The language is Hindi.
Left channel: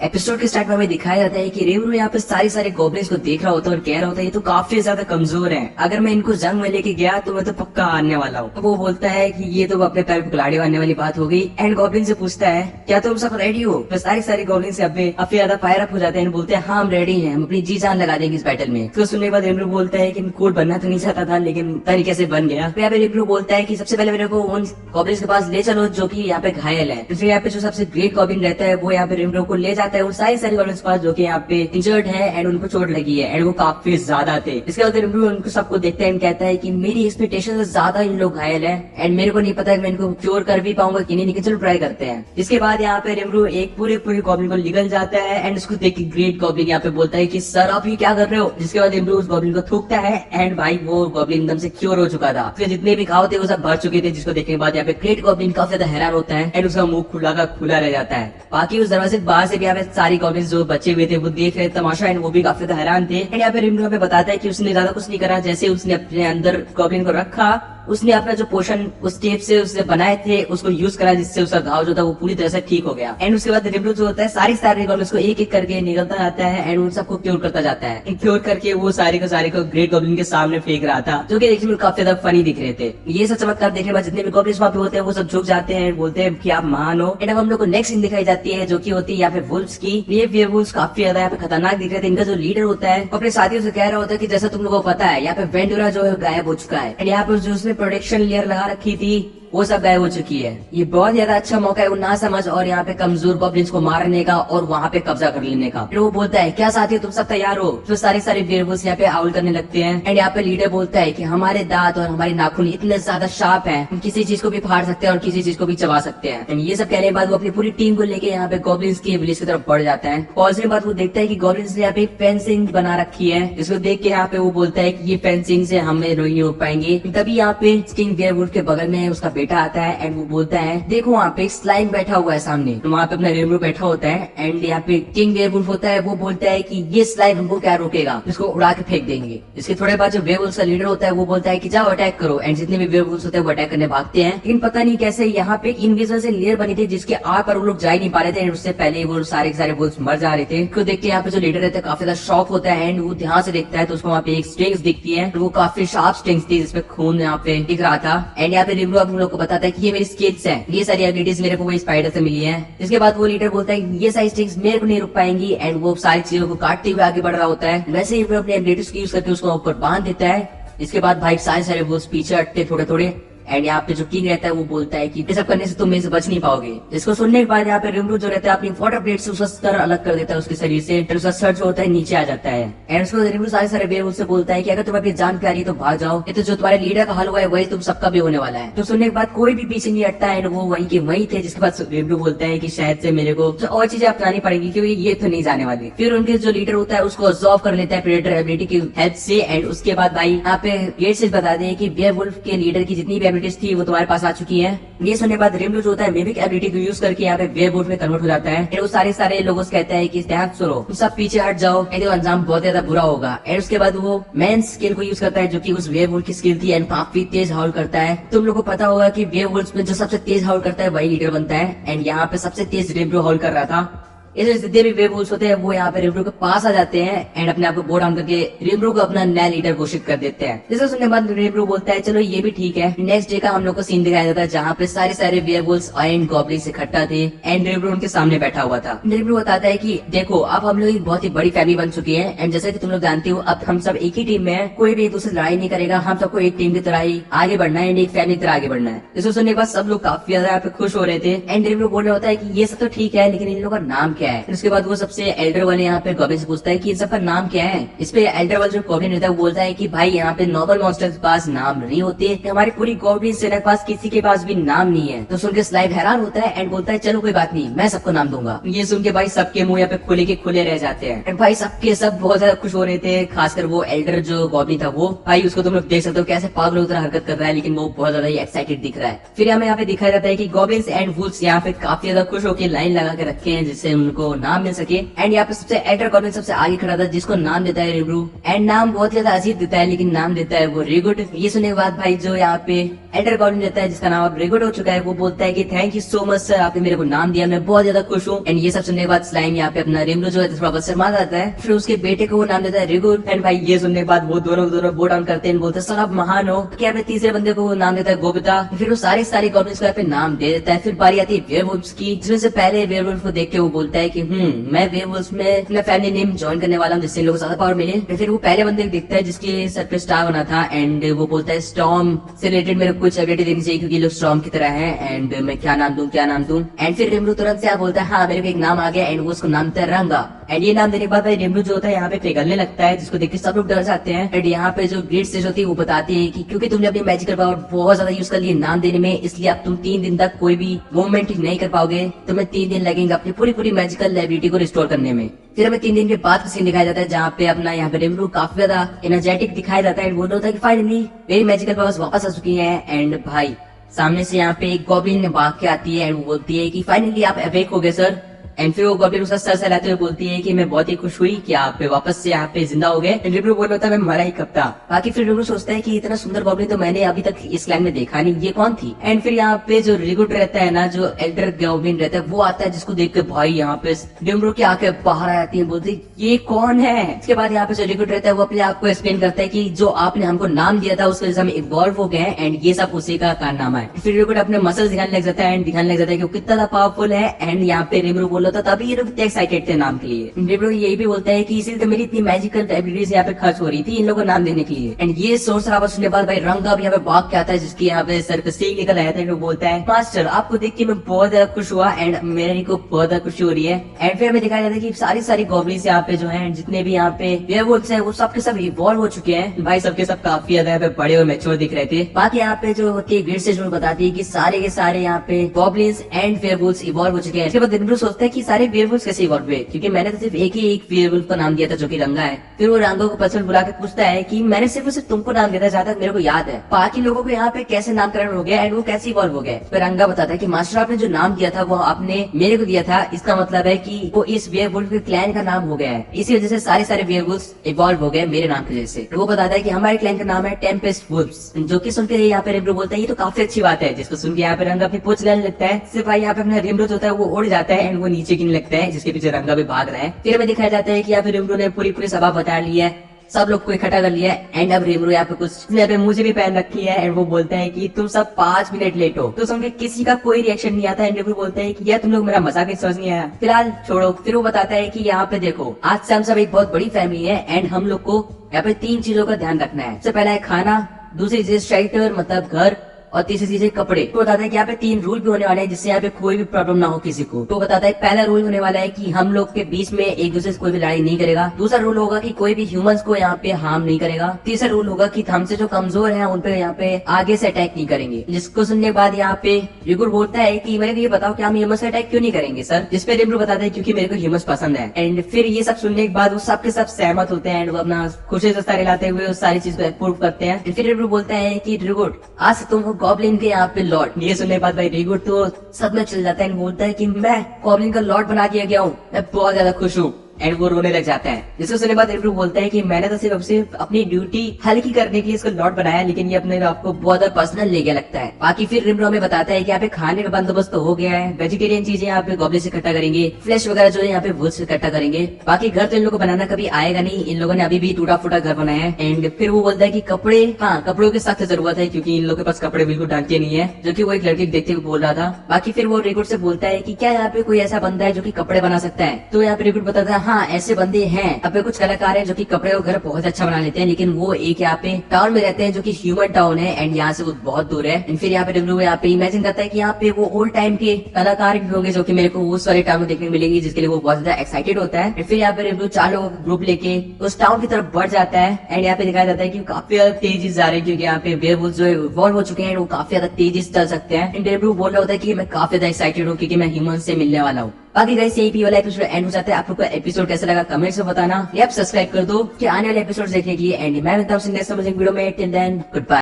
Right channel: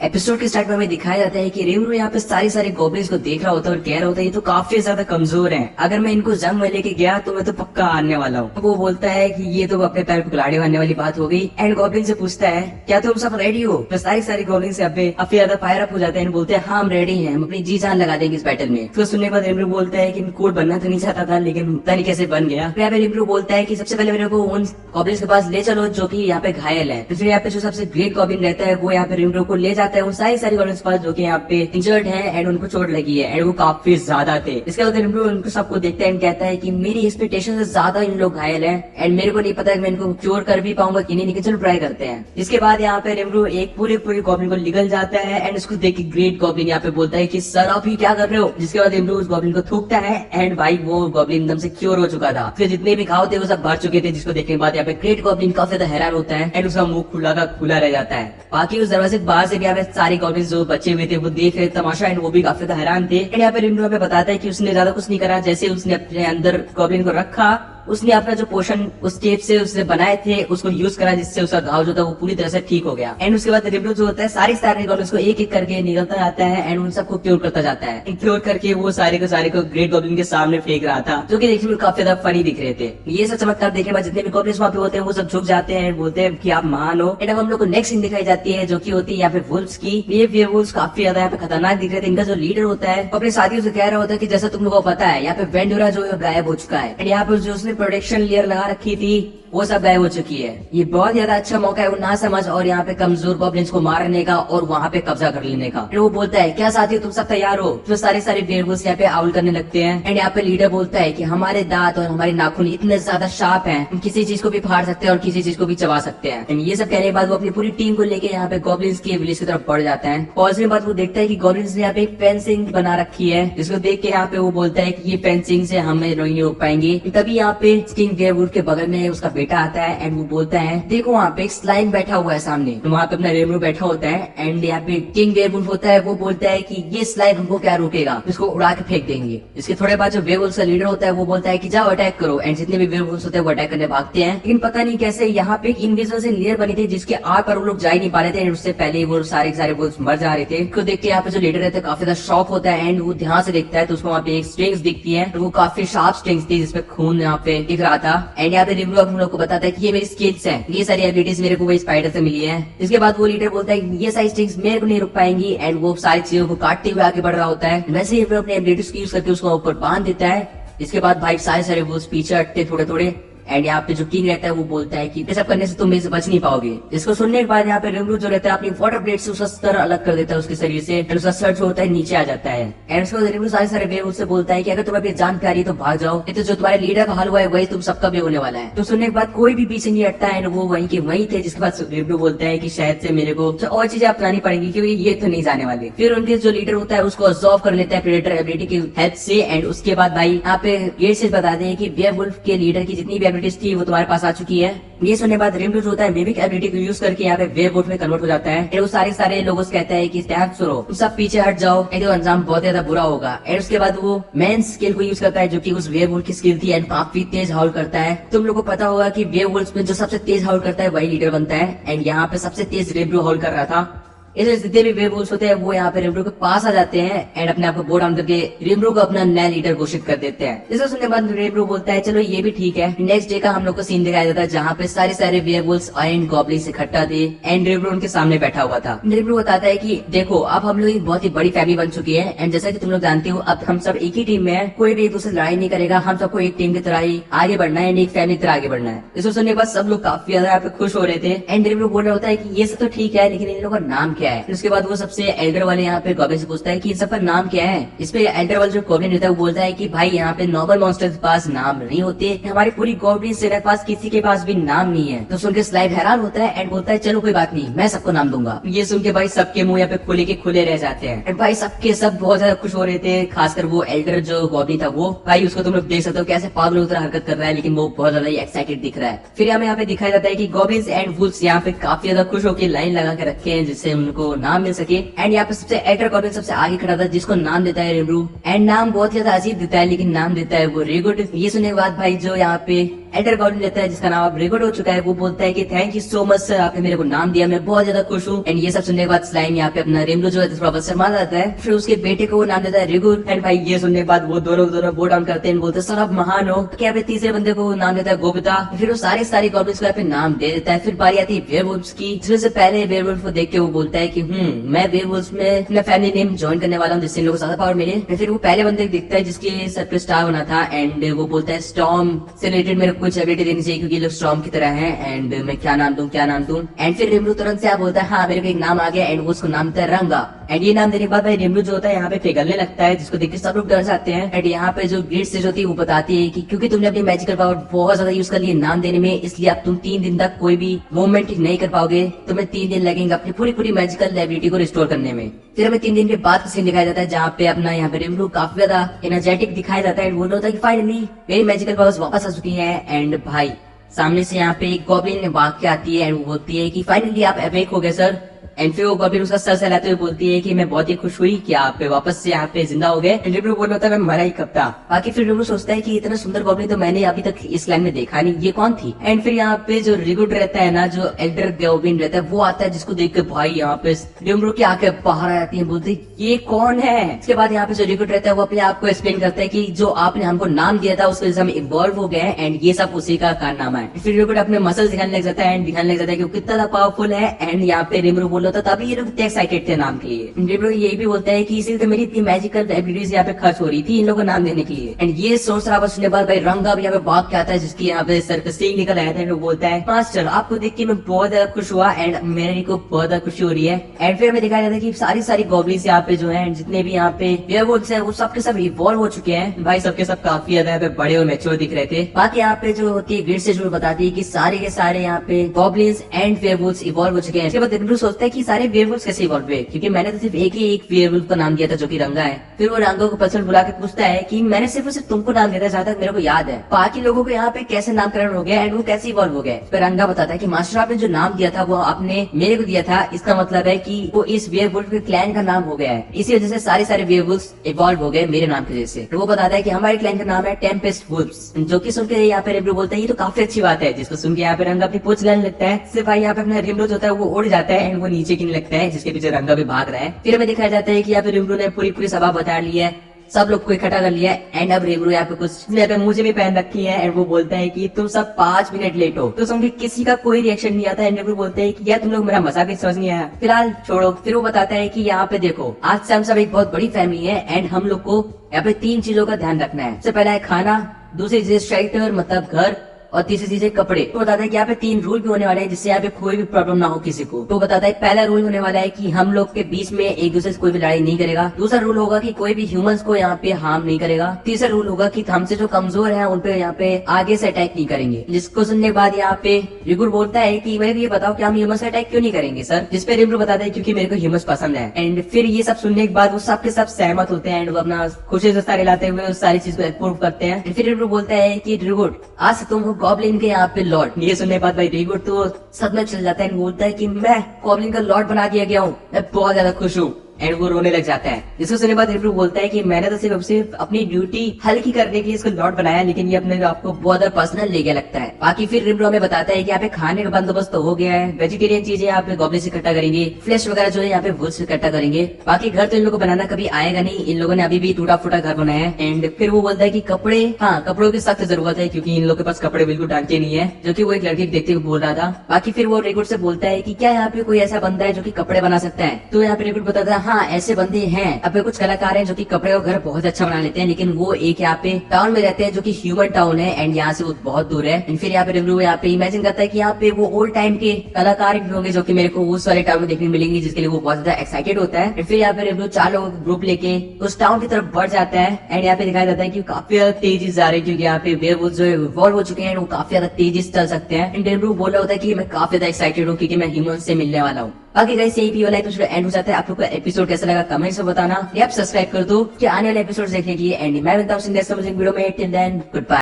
एपिसोड के स्टार्ट में हमें दिखाया जाता है कि रिमरू यहाँ पे सारी गॉब्लिन्स को देख रहा होता है और कह रहा होता है ये तो काफी ज्यादा कमजोर है, अगर मैं इनको जंग में लेके गया तो मैं तो पक्का हारने वाला हूँ। वो बोलता है कि ये तो अपने पैर को कुल्हाड़ी मारने वाली बात हो गई। एंड गॉब्लिन से पूछता है क्या तुम सब रेडी हो? तो सारी गॉब्लिन्स काफी ज्यादा फायर अप हो जाते हैं, बोलते हैं हाँ हम रेडी हैं, हम अपनी जी जान लगा देंगे इस बैटल में। तो सुनने के बाद रिमरू बोलता है कि कोड बनना तो नहीं चाहता था लेकिन तरीके से बन गया। फिर रिमरू बोलता है कि सबसे पहले मेरे को उन गॉब्लिन्स के पास ले चलो जो की यहाँ पे घायल है। फिर यहाँ पे जो सबसे ग्रेट गॉब्लिन रहता है वो यहाँ पे रिमरू को ले जाता है उन सारी गॉब्लिन्स के पास जो कि यहाँ पे इंजर्ड है एंड उनको चोट लगी है एंड वो काफी ज्यादा थे। इसके बाद रिमरू उनको सबको देखता है एंड कहता है कि मेरी एक्सपेक्टेशन से ज्यादा इन लोग घायल है एंड मेरे को नहीं पता मैं इनको क्योर कर भी पाऊंगा कि नहीं, चलो ट्राई करते हैं। इसके बाद यहाँ पे रिमरू एक पूरे गॉब्लिन को निकल जाता है एंड उसको देख के ग्रेट गॉब्लिन यहाँ पे बोलता है कि सर आप ये क्या कर रहे हो? जिसके बाद रिमरू उस गॉब्लिन को थूकता है एंड भाई वो गॉब्लिन एकदम से क्योर हो चुका था। फिर जितने भी घाव थे वो सब भर चुके थे, जिसको देखने के बाद यहाँ पे ग्रेट गॉब्लिन काफी ज्यादा हैरान होता है एंड उसका मुंह खुला का खुला रह जाता है। बाकी उस दरवाजे बाहर से भी यहाँ पे सारी गॉब्लिन जो बच्चे हुए थे वो देख रहे तमाशा एंड वो भी काफी ज्यादा हैरान थे। एंड यहाँ पे रिमरू हमें बताता है कि उसने ज्यादा कुछ नहीं करा, जैसे उसने अपने अंदर गॉब्लिन को रखा उसने अपना जो पोषण उस टेप से उसने बनाए थे उसको यूज करा जिससे उसका घाव जो था वो पूरी तरह से ठीक हो गया। एंड उसके बाद रिमरू जो होता है सारी गॉब्लिन्स को एक एक करके निकलता जाता है एंड उन सबको क्योर करता जाता है। क्योर करके वो सारे को ग्रेट गॉब्लिन के सामने फेंक रहा था जो कि देखने में काफी ज्यादा फनी दिख रहे थे। ये सब चमत्कार देखने के बाद जितने भी गॉब्लिन्स वहाँ पे होते हैं वो सब झुक जाते हैं, बोलते हैं कि आप महान हो। एंड हम लोग को नेक्स्ट सीन दिखाई जाती है जो की होती है यहाँ पे वुल्फ्स की। ये वेयरवुल्व्स काफी ज्यादा यहाँ पे खतरनाक दिख रहे थे। इनका जो लीडर होता है अपने साथियों से कह रहा होता है कि जैसा तुम लोगों को पता है यहाँ पे वेंडुरा जो गायब हो चुका है एंड यहाँ पे जो उसने प्रोटेक्शन लेयर लगा रखी थी वो सब गायब हो चुकी है। ये बहुत ज्यादा अच्छा मौका है ना समझ और यहाँ पे कमजोर गॉब्लिन्स को मारने का और वहाँ पे कब्जा कर लेने का। फिर वो बोलता है क्या साथियों तुम सब तैयार हो? तो सारे वेयरवुल्व्स यहाँ पे आउल करने लगते हैं एंड यहाँ पे लीडर बोलता है कि हमारे दांत और हमारे नाखून इतने ज्यादा शार्प है हम किसी चीज को भी फाड़ सकते हैं और किसी चीज को भी चबा सकते हैं। एंड ये सब कहने के बाद वो अपनी पूरी टीम को लेके यहाँ पे गॉब्लिन्स की विलेज की तरफ बढ़ जाता है। पहुंचने के बाद वो देखता है कि गॉब्लिन्स ने यहाँ पे फेंसिंग बना रखी है जिसको देख के यहाँ पे वो बोलता है कि ये फेंसिंग से हमें नहीं हो पाएंगे। तभी यहाँ पे स्टिंग वेयरवुल्फ के बगल में उसका बेटा आता है एंड वो बोलता है देखो वहाँ पे एक स्लाइम बैठा हुआ है सामने। तो वहाँ पे अपना रिमरू बैठा होता है एंड यहाँ पे किंग वेयरवुल्फ होता है वो बोलता है कि ये स्लाइम हमको क्या रोकेगा, इसको उड़ा के फेंक देंगे। इसके थोड़े बाद जो वेयरवुल्फ का लीडर होता है वो बोलता है कि जाओ अटैक करो एंड जितने भी वेयरवुल्फ होते हैं वो अटैक करने भागते हैं। इन पता नहीं कैसे यहाँ पे इनविजिबल से लेयर बनी थी जिसके आर पर वो लोग जा ही नहीं पा रहे थे एंड उससे पहले वो सारे वुल्फ्स मर जा रहे थे। तो देख के यहाँ पे जो लीडर रहता है काफी ज्यादा शॉक होता है एंड वो ध्यान से देखता है तो उसको वहाँ पे एक स्ट्रिंग्स दिखती है। वो काफी शार्प स्ट्रिंग्स थी जिसपे खून यहाँ पे दिख रहा था एंड यहाँ पे रिमरू हम लोग को बताता है कि ये मेरी स्किल्स है, ये सारी एबिलिटीज मेरे को वो स्पाइडर से मिली है। इसके बाद वो लीडर बोलता है कि ये सारी स्ट्रिंग्स मेरे को नहीं रुक पाएंगी एंड वो सारी चीजों को काटते हुए आगे बढ़ रहा होता है। वैसे ही अपनी एबिलिटीज यूज करके उसको ऊपर बांध देता है। इसके बाद भाई सारे वो पीछे हटते थोड़े एंड यहाँ पे जो किंग रहता है वो बोलता है कि ये सब करने से तुम मेरे से बच नहीं पाओगे। इसको सुनने के बाद यहाँ पे रिमरू जो रहता है अपनी वाटर ब्लेड से उसका सर अलग कर देता है उसके शरीर से एंड उसका सर जो होता है नीचे आ जाता है। एंड उसको रिमरू सारे वेयरवुल्फ से बोलता है कि अगर तुम्हें अपनी जान प्यारी तो भाग जाओ, ये तो जो तुम्हारे लीडर का हाल हुआ है वही तुम सबका भी होने वाला है। तो सुनने के बाद कोई भी पीछे नहीं हटता है, वो वहीं के वहीं थे। जिसके बाद रिमरू बोलता है कि शायद से मेरे को और चीजें अपनानी पड़ेगी क्योंकि ये तो नहीं जाने वाली। फिर उनके जो लीडर होता है उसको अब्सॉर्ब कर लेता है प्रेडेटर एबिलिटी की हेल्प से एंड उसके बाद भाई यहाँ पे ये चीज बताते हैं कि वेयरवुल्फ के लीडर की जितनी भी एबिलिटीज थी वो तुम्हारे पास आ चुकी है। ये सुनने के बाद रिमरू जो होता है मिमिक एबिलिटी को यूज करके यहाँ पे वेयरवुल्फ में कन्वर्ट हो जाता है। फिर वो सारे लोगों से कहता है कि ध्यान सुनो, तुम सब पीछे हट जाओ, ये तो अंजाम बहुत ज्यादा बुरा होगा। एंड उसके बाद वो मेन स्किल को यूज करता है जो कि उस वेयरवुल्फ की स्किल थी एंड काफी तेज हाउल करता है। तुम लोगों को पता होगा कि वेयरवुल्फ में जो सबसे तेज हाउल करता है वही लीडर बनता है एंड यहाँ पे सबसे तेज रिमरू हाउल कर रहा था। इसलिए जितने भी वेयरवुल्व्स होते हैं वो यहाँ पे रिमरू के पास आ जाते हैं एंड अपने आप को बो डाउन करके रिमरू को अपना नया लीडर घोषित कर देते हैं। इसको सुनने के बाद रिमरू बोलता है चलो ये भी ठीक है। नेक्स्ट डे का हम लोग को सीन दिखाया जाता है जहाँ पे सारे वेयरवुल्व्स एंड गॉब्लिन्स इकट्ठा थे एंड रिमरू उनके सामने बैठा हुआ था। रिमरू बताता है कि देखो अब हम लोग एक बहुत ही बड़ी फैमिली बन चुकी है एंड जैसा कि तुम लोग जानते हो अब हम सब एक ही टीम में है, कोई भी एक दूसरे लड़ाई नहीं करेगा, हम सबको एक टीम की तरह ही आगे बढ़ना है, एक फैमिली की तरह आगे बढ़ना है। इसको सुनने के बाद सब लोग काफी ज्यादा यहाँ पे खुश हो रहे थे एंड रिमरू बोल रहा होता है कि ये सब तो ठीक है लेकिन इन लोगों का नाम क्या है। उसके बाद वो सबसे एल्डर वाले यहाँ पे गॉब्लिन से पूछता है कि इन सब का नाम क्या है। इस पे एल्डर वाला जो गॉब्लिन रहता है वो बोलता है कि भाई यहाँ पे नॉर्मल मॉन्स्टर्स के पास नाम नहीं होते, हमारी पूरी गॉब्लिन सेना के पास किसी के पास भी नाम नहीं है। तो सुन के स्लाइम हैरान होता है एंड बोलता है चलो कोई बात नहीं, मैं सबको नाम दूंगा। ये सुन के भाई सबके मुंह यहाँ पे खुले के खुले रह जाते हैं एंड भाई सबके सब बहुत ज्यादा खुश हो रहे थे, खासकर वो एल्डर जो गॉब्लिन था वो भाई उसको तुम लोग देख सकते हो कैसे पागलों की तरह हरकत कर रहा है लेकिन वो बहुत ज्यादा एक्साइटेड दिख रहा है। फिर हमें यहाँ पे दिखाया जाता है कि गॉब्लिन्स एंड वुल्व्स यहाँ पे काफी ज्यादा खुश होकर लाइन लगा के रखे हैं जिससे उनको नाम मिल सके एंड यहाँ पे सबसे एल्डर गॉब्लिन सबसे आगे खड़ा था जिसको नाम देता है रिमरू एंड नाम बहुत ज्यादा अजीब देता है लेकिन नाम देता है वो रिगुड। ये सुनने के बाद भाई जो यहाँ पे एंटर गॉब्लिन रहता है जिसका नाम अब रिकॉर्ड हो चुका है। वो बोलता है कि thank you so much sir, आपने मेरे को नाम दिया, मैं बहुत ज्यादा खुश हूँ। एंड ये सब सुनने के बाद स्लाइम यहाँ पे अपना रेमरू जो है थोड़ा शर्मा जाता है। फिर उसके बेटे को वो नाम देता है रिगुर। एंड भाई ये सुनने के बाद वो दोनों बो डाउन करते हैं, बोलते हैं सर आप महान हो। क्या पे तीसरे बंदे को नाम देता है गोबिता। फिर वो सारे गॉब्लिन्स को यहाँ पे नाम दे देता है। फिर बारी आती है वेयरवुल्व्स की, जिसमें से पहले वेयरवुल्फ को देख के वो बोलता है कि मैं वेयरवुल्व्स में अपना फैमिली नेम ज्वाइन करने वाला हूँ जिससे लोगों को ज्यादा पावर मिले। फिर वो पहले बंदे को देखता है जिसके सर पे स्टार बना था एंड वो बोलता है स्टॉर्म से रिलेटेड मेरे को कुछ एबिलिटी देनी चाहिए क्योंकि लोग स्टॉर्म की तरह है। एंड मैं क्या नाम दूं। एंड फिर रिमरू तुरंत से बोलता है हाँ मेरे को एक नाम आ गया एंड वो उसको नाम था रंगा। एंड ये नाम देने के बाद भाई रिमरू जो होता है यहाँ पे पिघलने लगता है, जिसको देख के सब लोग डर जाते हैं। एंड यहाँ पे जो ग्रेट स्टेज होती है वो बताती है कि क्योंकि तुमने अपनी मैजिकल पावर बहुत ज्यादा यूज कर ली नाम देने में, इसलिए अब तुम 3 दिन तक कोई भी मूवमेंट नहीं कर पाओगे। तुम्हें 3 दिन लगेंगे अपनी पूरी मैजिकल एबिलिटी को रिस्टोर करने में। फिर हमें 3 दिन के बाद का सीन दिखाया जाता है जहाँ पे अपना यहाँ पे रिमरू काफी ज्यादा एनर्जेटिक दिखाया जाता है। बोलता है कि फाइनली मेरी मैजिकल पावर्स वापस आ चुकी है। एंड भाई सामने से यहाँ पे एक गॉब्लिन भाग के आती है एंड वो बोलती है कि फाइनली आप अवेक हो गए सर। एंड फिर वो गॉब्लिन उसका सर सहलाते हुए बोलती है कि मैं बहुत ही खुश हुई कि आप वापस से यहाँ पे जिंदा हो गए। रिमरू बोल रहा था मैं मरा ही कब था। बाकी फिर रिमरू सोचता है कि इतना सुंदर गॉब्लिन तो मैंने अभी तक इस लैंड में देखा नहीं, ये कौन थी। एंड फिर यहाँ पे जो रिगुड रहता है ना, जो एल्डर गॉब्लिन रहता है, वो आता है जिसको देख कर भाई यहाँ पे रिमरू की आंखें बाहर आ जाती है, बोलती ये कौन है। इसके बाद यहाँ पे जो रिगुड रहता है वो अपने आप को एक्सप्लेन करता है कि जो आपने हमको नाम दिया था उसके वजह से हम इवॉल्व हो गए एंड ये सब उसी का कारनामा है। फिर रिगुड अपने मसल्स दिखाने लग जाता है एंड दिखाने लग जाता है कि वो कितना पावरफुल है। एंड यहाँ पे रिमरू बोल रहा था तभी ये लोग एक्साइटेड थे नाम के लिए। रिमरू यही भी बोलता है कि इसीलिए तो मेरी इतनी मैजिकल एबिलिटीज यहाँ पे खर्च हो रही थी इन लोगों को नाम देने के लिए। एंड ये सोच रहा सुनने के बाद भाई रंगा भी यहाँ पे भाग के आता है जिसकी यहाँ पे सर पे सींग निकल आया था। वो बोलता है मास्टर आपको देख के मैं बहुत ज्यादा खुश हुआ एंड मेरे को बहुत ज्यादा खुशी हो रही है। एंड फिर हमें दिखाया जाता है कि सारी गॉब्लिन्स यहाँ पे जो है जितने भी यहाँ पे वेयरवुल्व्स हैं वो सबके सब इवॉल्व हो चुके हैं। भाई सबके सब काफी ज्यादा यहाँ पे बड़े और मैच्योर दिख रहे थे। बाकी यहाँ पे जो होती है ग्रिड से जो बताती है कि सारे के सारे यहाँ पे गॉब्लिन्स एंड वेयरवुल्व्स इवॉल्व हो चुके हैं। इसके बाद रिमरू सोचता है कि सारे वेयरवुल्व्स कैसे इवॉल्व हुए, क्योंकि मैंने तो सिर्फ एक वेयरवुल्फ का नाम दिया था जो कि रंगा है। फिर वो रंगा को पर्सनल बुला के पूछता है कि मैंने सिर्फ तुमको नाम दिया था जहाँ तक मेरे को याद है, बाकी लोगों को यहाँ पे कैसे नामकरण हो गया एंड वो कैसे इवॉल्व हो गए। फिर रंगा बताता है कि मास्टर आपने जो नाम दिया था वो आपने मेरे को दिया था, इसका मतलब है कि वो इस वेयरवुल्फ के क्लैन का नाम हो गया है, इसी वजह से सारे वेयरवुल्व्स इवॉल्व हो गए मेरे नाम की वजह से। तो वो बताता है कि हमारे क्लैन का नाम है टेम्पेस्ट वुल्व्स, जो कि सुनकर यहाँ पे रिमरू बोलता है ये तो काफी अच्छी बात है, जिसको सुन के यहाँ पे रंगा अपनी पूछ लेने लगता है। सिर्फ भाई यहाँ पे अपना रिमरू जो होता है वो उड़ जाता है एंड वो नीचे गिरने लगता है, जिसके पीछे रंगा भी भाग रहा है। फिर हमें दिखाया जाता है कि यहाँ पे रिमरू ने पूरी सभा बता ली है, सब लोग को इकट्ठा कर लिया है। एंड अब रिमरू यहाँ पे कुछ यहाँ पे मुझे भी पहन रखी है एंड वो बोलता है कि तुम सब 5 मिनट लेट हो। तो समझे किसी का कोई रिएक्शन नहीं आता। एंड रिमरू बोलता है कि यार तुम लोग मेरा मजाक भी समझ नहीं आया, फिलहाल छोड़ो। फिर वो बताता है कि यहाँ पे देखो आज से हम सब एक बहुत बड़ी फैमिली है एंड हम लोग को यहाँ पे 3 चीजों का ध्यान रखना है। सबसे पहला है खाना, दूसरी चीज शेल्टर मतलब घर, और तीसरी चीज है कपड़े। तो बताता है कि यहाँ पे 3 रूल भी होने वाले हैं जिससे यहाँ पे कोई भी प्रॉब्लम ना हो किसी को। तो बताता है पहला रूल होने वाला है कि हम लोग के बीच में एक दूसरे से कोई भी लड़ाई नहीं करेगा। दूसरा रूल होगा कि कोई भी ह्यूमंस को यहाँ पे हार्म नहीं करेगा। तीसरा रूल होगा कि हमसे जो कमजोर है उन पे यहाँ पे आगे से अटैक नहीं करेंगे। जिसको सुनने के बाद यहाँ पे रिगुर बोलता है कि मेरे को ये बताओ कि हम ह्यूमंस का अटैक क्यों नहीं करेंगे सर। जिस पे रिमरू बताता है क्योंकि मेरे को ह्यूमंस पसंद है। एंड फिर ये सब सुनने के बाद वो सबके सब सहमत होते हैं एंड वो अपना खुशी जस्ता खिलाते हुए उस सारी चीज को अप्रूव करते हैं। फिर रिमरू बोलता है कि रिगुर आज से तुम गॉब्लिन के यहाँ लॉर्ड। ये सुनने के बाद भाई रिगुड तो सदमे चल जाता है, बोलता है कि मैं गॉब्लिन का लॉर्ड बना दिया गया हूँ, मैं बहुत ज्यादा खुश हूँ। एंड वो रोने लग जाता है। जिसको सुनने के बाद रिमरू बोलता है कि मैंने तो सिर्फ अपनी ड्यूटी हल्की करने के लिए इसको लॉर्ड बनाया, लेकिन ये अपने आपको बहुत पर्सनल लेके लगता है। बाकी फिर रिमरू हमें बताता है कि यहाँ पे खाने का बंदोबस्त तो हो गया है, वेजिटेरियन चीजें यहाँ पे गॉब्लिन से इकट्ठा करेंगे, फ्लैश वगैरह जो है यहाँ पे वुड से इकट्ठा करेंगे। बाकी घर तो इन लोगों को बनाना कभी आएगा नहीं, इन लोगों ने अभी भी टूटा फूटा घर बनाया है। एंड फिर वो बोलता है कि कपड़े, हाँ कपड़ों की सख्त जरूरत है क्योंकि इन लोगों के पास कपड़े बिल्कुल ढंग के नहीं है, जो कि वो एक लड़के को देखते हुए बोल रहा था। बाकी फिर वो रिगुड से बोलता है कि क्या यहाँ पे कोई ऐसा बंदा है जो कि कपड़े बना सकता है। तो यहाँ पे रिगुड बताता है हाँ ऐसे बंदे हैं। अब पे कुछ कलाकार हैं जो कि कपड़े और घर बहुत अच्छा बना लेते हैं, लेकिन वो एक यहाँ पे टाउन में रहते हैं जो कि ह्यूमन टाउन है एंड यहाँ से वो बहुत दूर है। फिर यहाँ पे रिमरू यहाँ पे इमेजिन करता है कि यहाँ पे वो ओल्ड टाइम के कलाकार भी होंगे जो कि मेरे को उस वाले टाउन में देखने मिलेंगे, जिसके लिए वो बहुत ज्यादा एक्साइटेड होता है। फिर यहाँ पे रिमरू 4 लोगों का ग्रुप लेके उस टाउन की तरफ बढ़ जाता है एंड यहाँ पे दिखाया जाता है कि काफी ज्यादा तेजी से जा रहे हैं क्योंकि यहाँ पे वेयरवुल्व्स जो इवॉल्व हो चुके हैं वो काफी ज्यादा तेजी से चल सकते हैं। एंड रिमरू बोल रहा होता है कि मैं काफी ज्यादा एक्साइटेड हूँ क्योंकि मैं ह्यूमन से मिलने वाला हूँ। बाकी गाइस यही वाला एपिसोड एंड हो जाता है। आप लोग को एपिसोड कैसा लगा कमेंट्स में बताना, या सब्सक्राइब कर दो कि आने वाले एपिसोड देखने के लिए। एंड मैं मिलता हूँ नेक्स्ट वीडियो में। Till then good bye.